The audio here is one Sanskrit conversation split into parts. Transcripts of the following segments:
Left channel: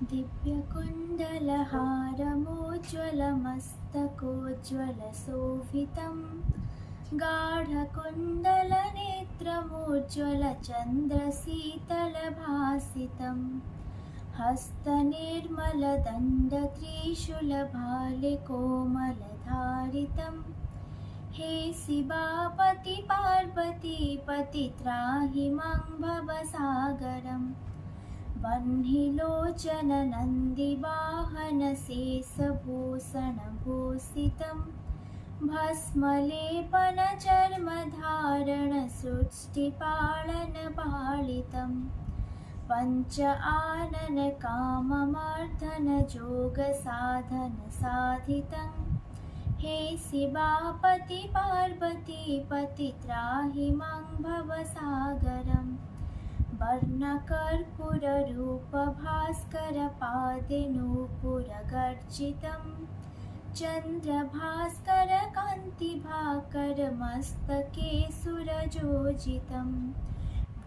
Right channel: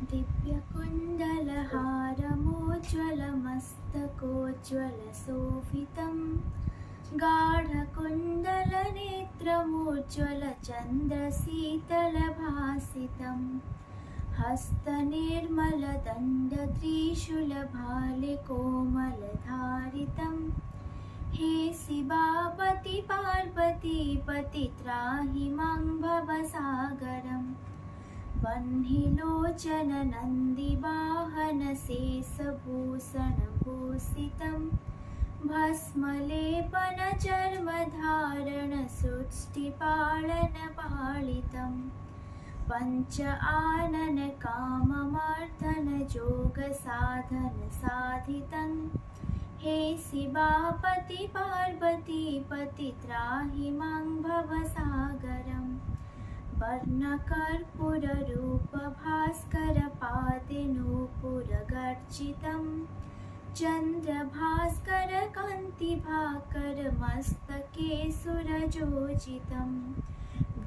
दिव्यकुण्डलहारमोज्ज्वलमस्तकोज्ज्वलशोभितं गाढकुण्डलनेत्रमुज्ज्वलचन्द्रशीतलभासितं हस्तनिर्मलदण्डत्रिशूलभाले कोमलधारितं हे शिवापति पार्वती पतित्राहि मां भवसागरम् वह्निलोचन नन्दिवाहन शेषभूषणभूषितं भस्मलेपन चर्मधारण सृष्टिपालनपालितं पञ्च आनन काममर्दन जोगसाधन साधितं हे शिवापति पार्वती पति त्राहि मां भवसागरम् वर्णकर्पूररूपभास्करपादे नूपुरगर्जितं चन्द्रभास्करकान्तिभाकरमस्तके सुरजोजितं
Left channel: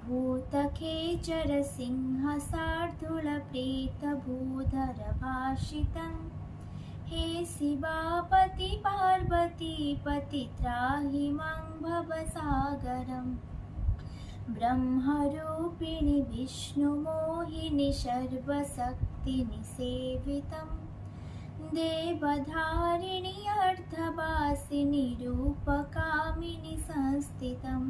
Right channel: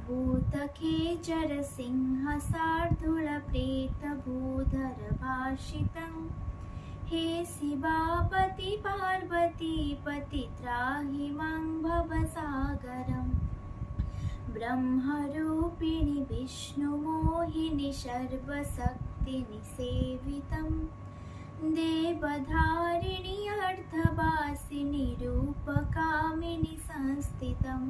भूतखेचरसिंहशार्दूलप्रेतभूधरभाषितं हे शिवापति पार्वती पति त्राहि मां भवसागरम् ब्रह्मरूपिणि विष्णुमोहिनि सर्वशक्तिनिसेवितं देवधारिणि अर्धवासिनि रूपकामिनि संस्थितं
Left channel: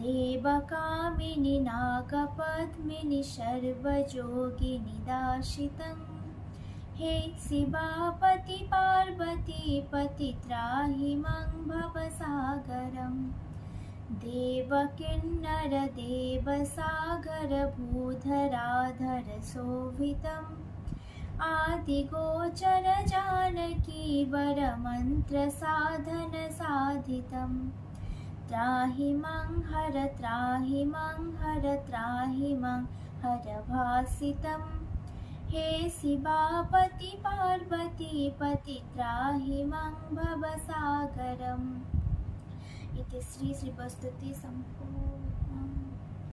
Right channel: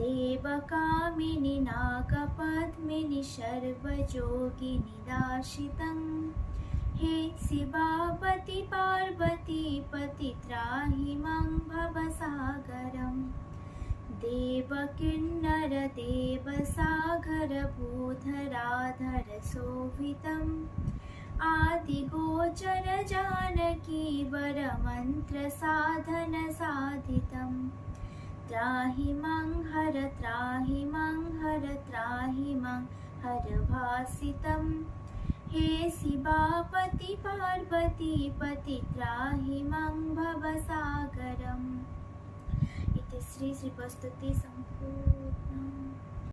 देवकामिनि नागपद्मिनि सर्वयोगिनि दाशितं हे शिवापति पार्वती पति त्राहि मां भवसागरम् देवकिन्नरदेवसागरभूधराधर शोभितम् आदिगोचर जानकीवरमन्त्रसाधन साधितं त्राहि मां हर त्राहि मां हर भासितं हे शिवापति पार्वती पति त्राहि मां भवसागरम्। इति श्री श्रीप्रस्तुति सम्पूर्णम्।